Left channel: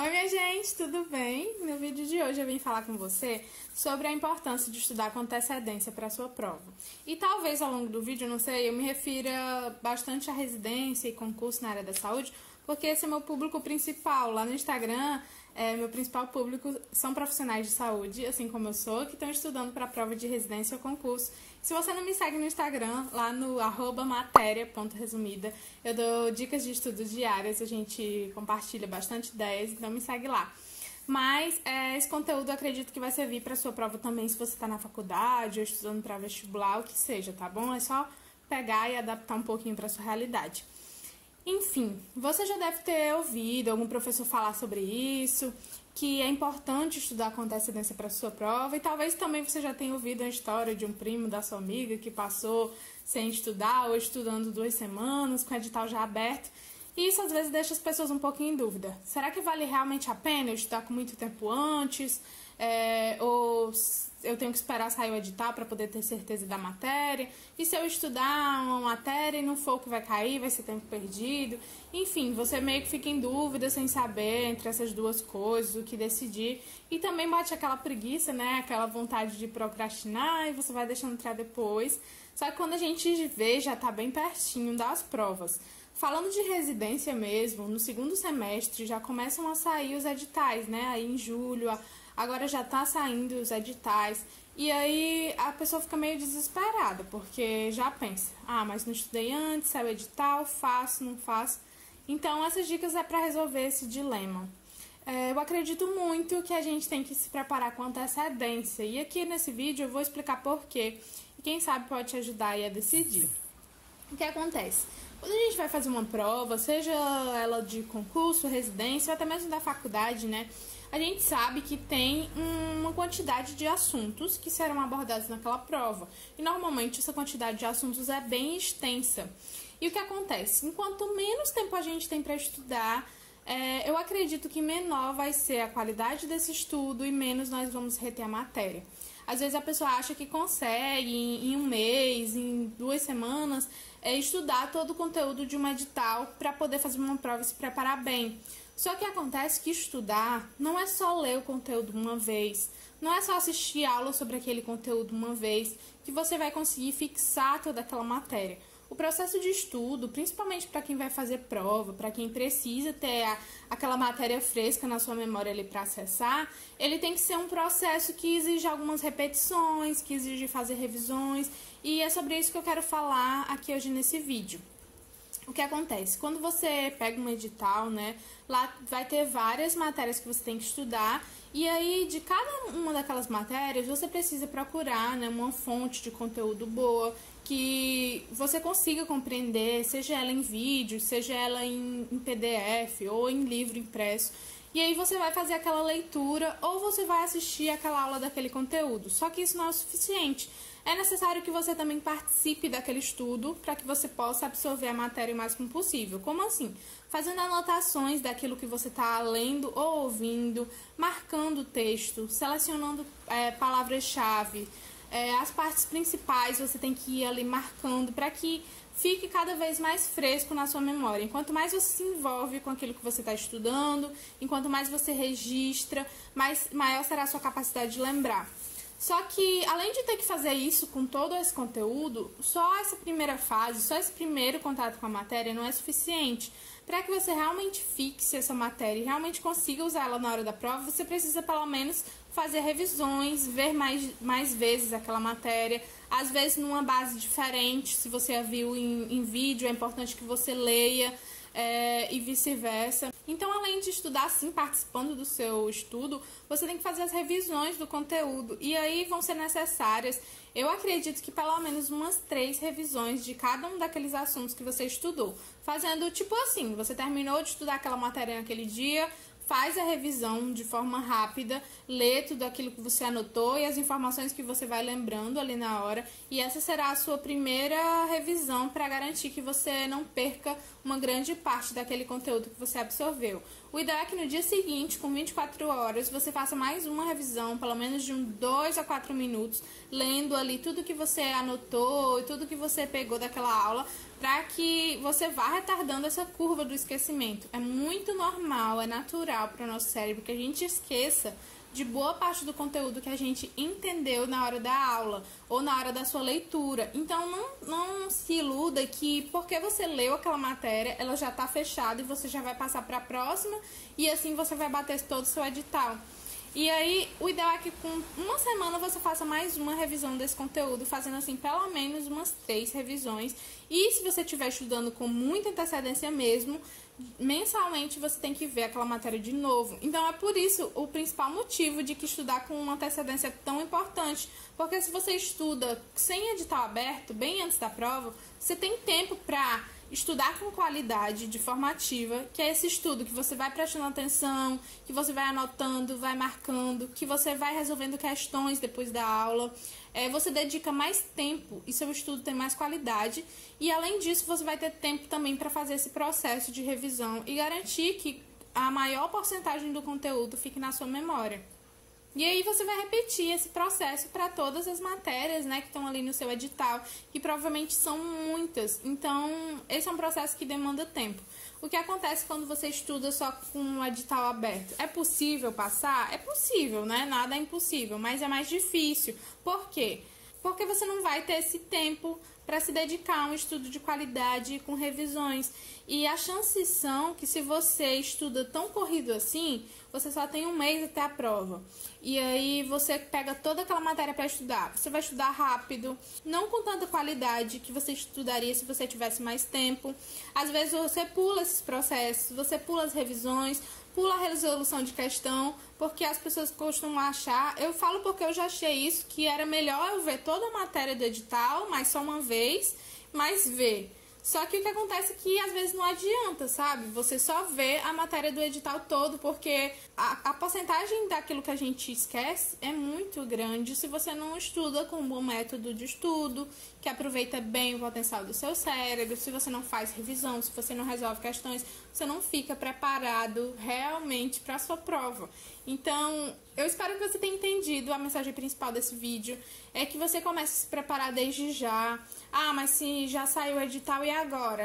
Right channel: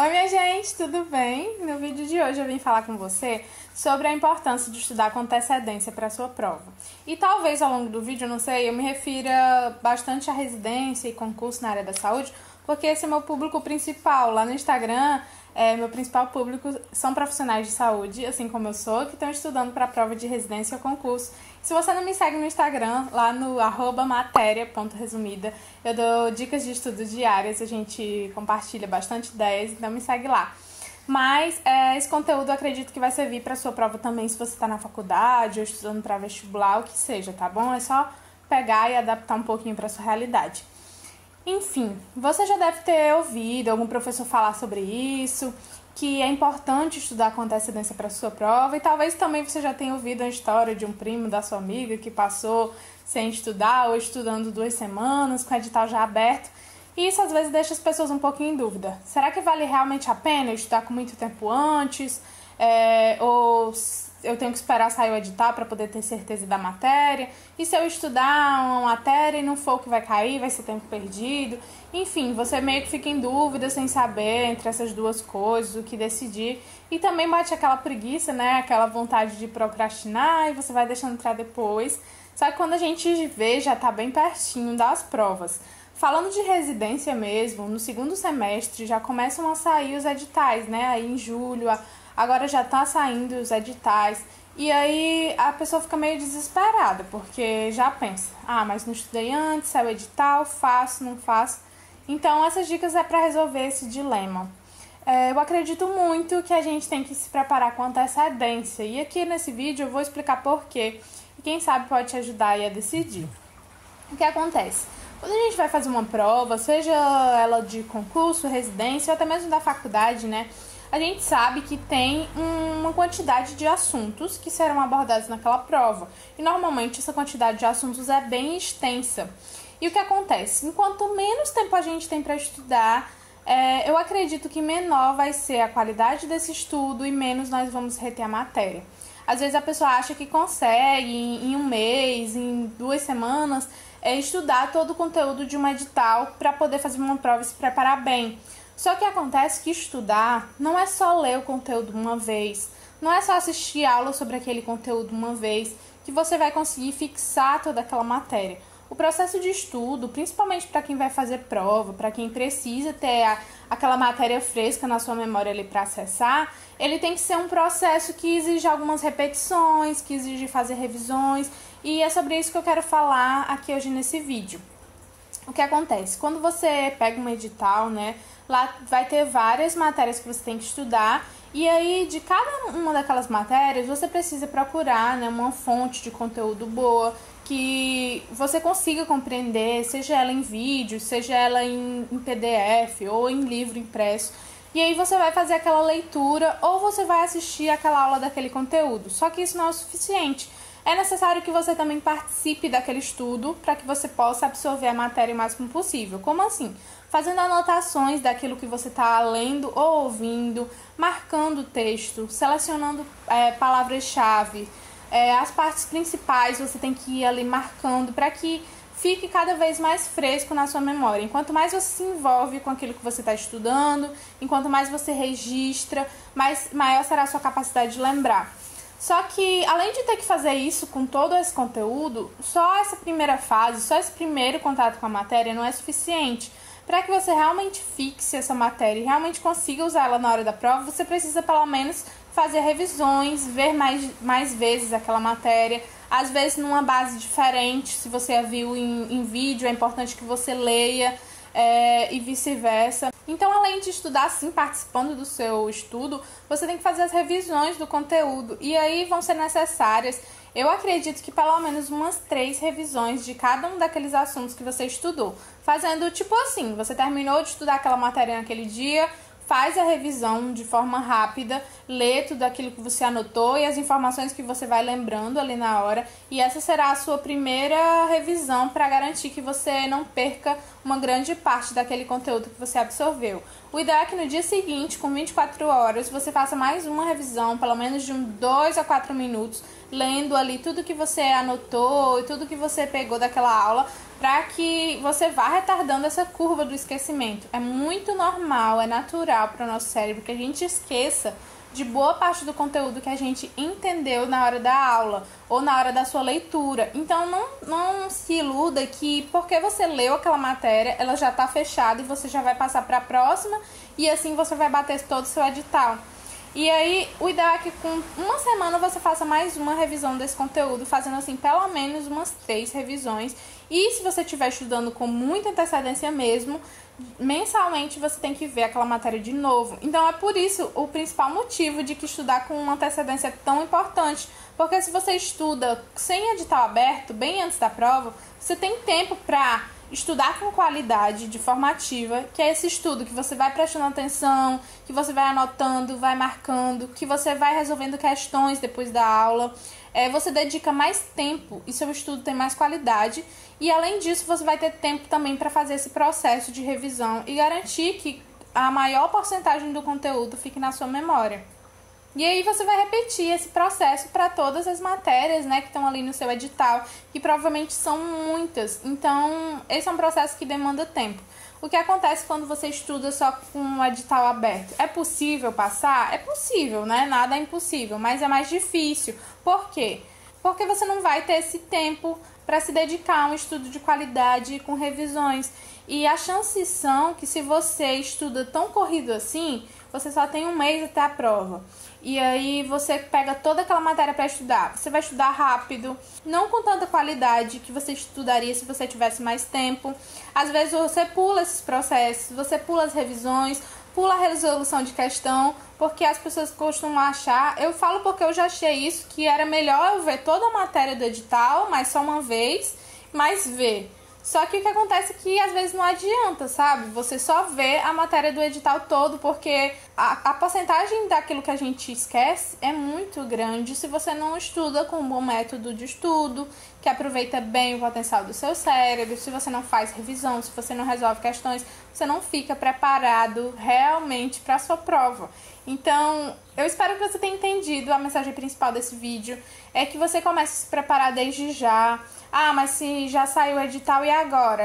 Oi, minha gente, tudo bem? No vídeo de hoje eu vim falar com você sobre a importância de estudar com antecedência para a sua prova. E talvez ao longo do vídeo, eu não sei, eu me refira bastante à residência e concurso na área da saúde, porque esse é meu público principal. Lá no Instagram, meu principal público são profissionais de saúde, assim como eu sou, que estão estudando para a prova de residência ou concurso. Se você não me segue no Instagram, lá no @matéria.resumida, eu dou dicas de estudo diárias, a gente compartilha bastante ideias, então me segue lá. Mas esse conteúdo eu acredito que vai servir para sua prova também, se você está na faculdade ou estudando para vestibular, o que seja, tá bom? É só pegar e adaptar um pouquinho para sua realidade. Enfim, você já deve ter ouvido algum professor falar sobre isso, que é importante estudar com antecedência para a sua prova, e talvez também você já tenha ouvido a história de um primo da sua amiga que passou sem estudar ou estudando 2 semanas, com o edital já aberto, e isso às vezes deixa as pessoas um pouquinho em dúvida. Será que vale realmente a pena estudar com muito tempo antes? Ou eu tenho que esperar sair o edital para poder ter certeza da matéria? E se eu estudar uma matéria e não for o que vai cair, vai ser tempo perdido? Enfim, você meio que fica em dúvida sem saber entre essas duas coisas, o que decidir. E também bate aquela preguiça, né? Aquela vontade de procrastinar e você vai deixando para depois. Só que quando a gente vê, já tá bem pertinho das provas. Falando de residência mesmo, no segundo semestre já começam a sair os editais, né? Aí em julho, agora já tá saindo os editais. E aí a pessoa fica meio desesperada, porque já pensa, mas não estudei antes, saiu o edital, faço, não faço. Então essas dicas é para resolver esse dilema. Eu acredito muito que a gente tem que se preparar com antecedência. E aqui nesse vídeo eu vou explicar por quê. E quem sabe pode te ajudar aí a decidir. O que acontece? Quando a gente vai fazer uma prova, seja ela de concurso, residência ou até mesmo da faculdade, né? A gente sabe que tem uma quantidade de assuntos que serão abordados naquela prova. E normalmente essa quantidade de assuntos é bem extensa. E o que acontece? Enquanto menos tempo a gente tem para estudar, eu acredito que menor vai ser a qualidade desse estudo e menos nós vamos reter a matéria. Às vezes a pessoa acha que consegue em um mês, em 2 semanas, estudar todo o conteúdo de um edital para poder fazer uma prova e se preparar bem. Só que acontece que estudar não é só ler o conteúdo uma vez, não é só assistir aula sobre aquele conteúdo uma vez que você vai conseguir fixar toda aquela matéria. O processo de estudo, principalmente para quem vai fazer prova, para quem precisa ter aquela matéria fresca na sua memória ali para acessar, ele tem que ser um processo que exige algumas repetições, que exige fazer revisões, e é sobre isso que eu quero falar aqui hoje nesse vídeo. O que acontece? Quando você pega um edital, né, lá vai ter várias matérias que você tem que estudar, e aí de cada uma daquelas matérias você precisa procurar, né, uma fonte de conteúdo boa, que você consiga compreender, seja ela em vídeo, seja ela em PDF ou em livro impresso. E aí você vai fazer aquela leitura ou você vai assistir aquela aula daquele conteúdo. Só que isso não é o suficiente. É necessário que você também participe daquele estudo para que você possa absorver a matéria o máximo possível. Como assim? Fazendo anotações daquilo que você está lendo ou ouvindo, marcando o texto, selecionando palavras-chave. As partes principais você tem que ir ali marcando para que fique cada vez mais fresco na sua memória. Enquanto mais você se envolve com aquilo que você está estudando, enquanto mais você registra, maior será a sua capacidade de lembrar. Só que, além de ter que fazer isso com todo esse conteúdo, só essa primeira fase, só esse primeiro contato com a matéria não é suficiente. Para que você realmente fixe essa matéria e realmente consiga usar ela na hora da prova, você precisa pelo menos fazer revisões, ver mais vezes aquela matéria, às vezes numa base diferente. Se você a viu em vídeo, é importante que você leia e vice-versa. Então, além de estudar assim, participando do seu estudo, você tem que fazer as revisões do conteúdo. E aí vão ser necessárias, eu acredito que pelo menos umas 3 revisões de cada um daqueles assuntos que você estudou. Fazendo tipo assim, você terminou de estudar aquela matéria naquele dia, faz a revisão de forma rápida, lê tudo aquilo que você anotou e as informações que você vai lembrando ali na hora. E essa será a sua primeira revisão para garantir que você não perca uma grande parte daquele conteúdo que você absorveu. O ideal é que no dia seguinte, com 24 horas, você faça mais uma revisão, pelo menos de 2 a 4 minutos, lendo ali tudo que você anotou e tudo que você pegou daquela aula, para que você vá retardando essa curva do esquecimento. É muito normal, é natural para o nosso cérebro que a gente esqueça de boa parte do conteúdo que a gente entendeu na hora da aula ou na hora da sua leitura. Então não se iluda que porque você leu aquela matéria, ela já está fechada e você já vai passar para a próxima e assim você vai bater todo o seu edital. E aí, o ideal é que com uma semana você faça mais uma revisão desse conteúdo, fazendo assim pelo menos umas 3 revisões. E se você estiver estudando com muita antecedência mesmo, mensalmente você tem que ver aquela matéria de novo. Então é por isso o principal motivo de que estudar com uma antecedência é tão importante. Porque se você estuda sem edital aberto, bem antes da prova, você tem tempo para estudar com qualidade, de forma ativa, que é esse estudo que você vai prestando atenção, que você vai anotando, vai marcando, que você vai resolvendo questões depois da aula. Você dedica mais tempo e seu estudo tem mais qualidade. E além disso, você vai ter tempo também para fazer esse processo de revisão e garantir que a maior porcentagem do conteúdo fique na sua memória. E aí você vai repetir esse processo para todas as matérias, né, que estão ali no seu edital, que provavelmente são muitas. Então, esse é um processo que demanda tempo. O que acontece quando você estuda só com o edital aberto? É possível passar? É possível, né? Nada é impossível, mas é mais difícil. Por quê? Porque você não vai ter esse tempo para se dedicar a um estudo de qualidade com revisões. E as chances são que se você estuda tão corrido assim, você só tem um mês até a prova. E aí você pega toda aquela matéria para estudar. Você vai estudar rápido, não com tanta qualidade que você estudaria se você tivesse mais tempo. Às vezes você pula esses processos, você pula as revisões, pula a resolução de questão, porque as pessoas costumam achar, eu falo porque eu já achei isso, que era melhor eu ver toda a matéria do edital, mas só uma vez, mas ver. Só que o que acontece é que às vezes não adianta, sabe? Você só vê a matéria do edital todo, porque a porcentagem daquilo que a gente esquece é muito grande se você não estuda com um bom método de estudo, que aproveita bem o potencial do seu cérebro, se você não faz revisão, se você não resolve questões, você não fica preparado realmente para a sua prova. Então, eu espero que você tenha entendido. A mensagem principal desse vídeo é que você comece a se preparar desde já. Ah, mas se já saiu o edital e agora?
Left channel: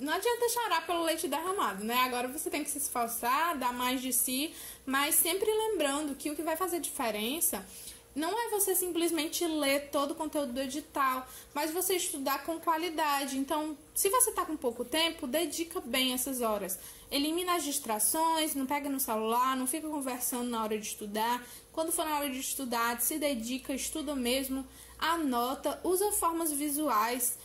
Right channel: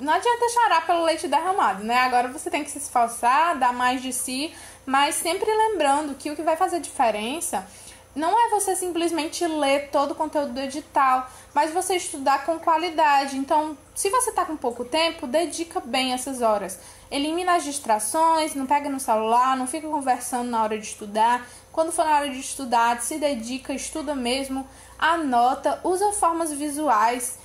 Não adianta chorar pelo leite derramado, né? Agora você tem que se esforçar, dar mais de si, mas sempre lembrando que o que vai fazer diferença não é você simplesmente ler todo o conteúdo do edital, mas você estudar com qualidade. Então, se você está com pouco tempo, dedica bem essas horas. Elimina as distrações, não pega no celular, não fica conversando na hora de estudar. Quando for na hora de estudar, se dedica, estuda mesmo, anota, usa formas visuais,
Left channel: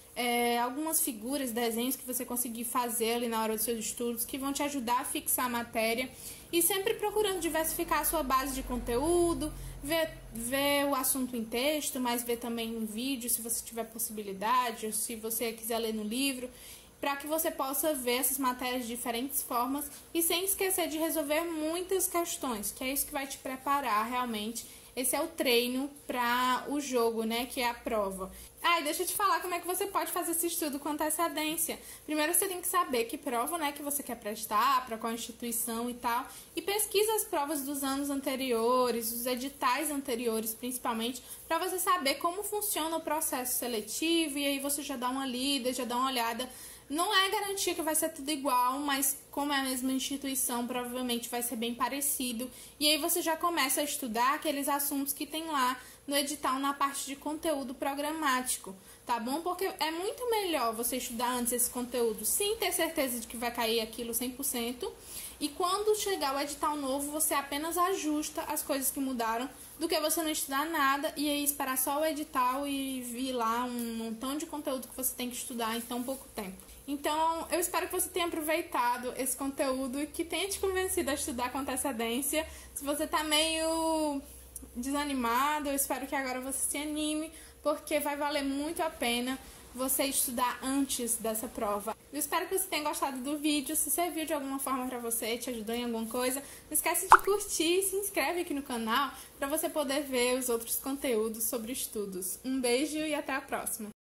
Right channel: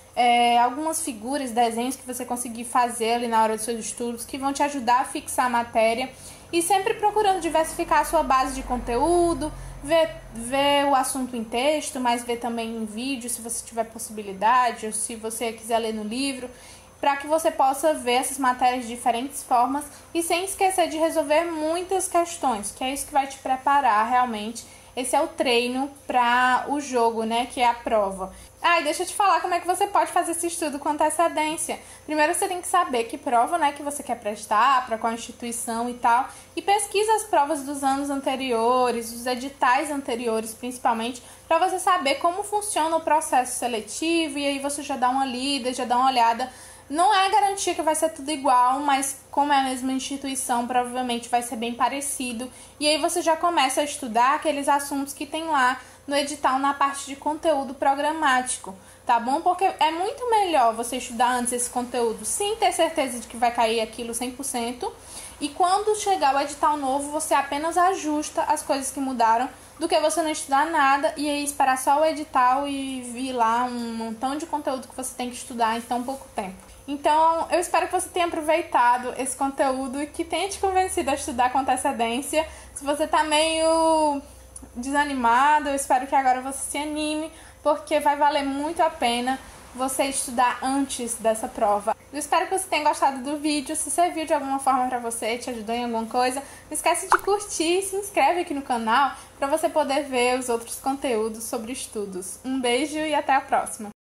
algumas figuras, desenhos que você conseguir fazer ali na hora dos seus estudos, que vão te ajudar a fixar a matéria. E sempre procurando diversificar a sua base de conteúdo, ver o assunto em texto, mas ver também em vídeo, se você tiver possibilidade, ou se você quiser ler no livro, para que você possa ver essas matérias de diferentes formas e sem esquecer de resolver muitas questões, que é isso que vai te preparar realmente. Esse é o treino para o jogo, né, que é a prova. Ah, e deixa eu te falar como é que você pode fazer esse estudo com antecedência. Primeiro você tem que saber que prova, né, que você quer prestar, para qual instituição e tal. E pesquisa as provas dos anos anteriores, os editais anteriores principalmente, para você saber como funciona o processo seletivo. E aí você já dá uma lida, já dá uma olhada. Não é garantia que vai ser tudo igual, mas como é a mesma instituição, provavelmente vai ser bem parecido. E aí você já começa a estudar aqueles assuntos que tem lá no edital na parte de conteúdo programático, tá bom? Porque é muito melhor você estudar antes esse conteúdo sem ter certeza de que vai cair aquilo 100%. E quando chegar o edital novo, você apenas ajusta as coisas que mudaram, do que você não estudar nada e aí esperar só o edital e vir lá um montão de conteúdo que você tem que estudar em tão pouco tempo. Então, eu espero que você tenha aproveitado esse conteúdo e que tenha te convencido a estudar com antecedência. Se você tá meio desanimado, eu espero que agora você se anime, porque vai valer muito a pena você estudar antes dessa prova. Eu espero que você tenha gostado do vídeo. Se serviu de alguma forma pra você, te ajudou em alguma coisa, não esquece de curtir e se inscreve aqui no canal para você poder ver os outros conteúdos sobre estudos. Um beijo e até a próxima!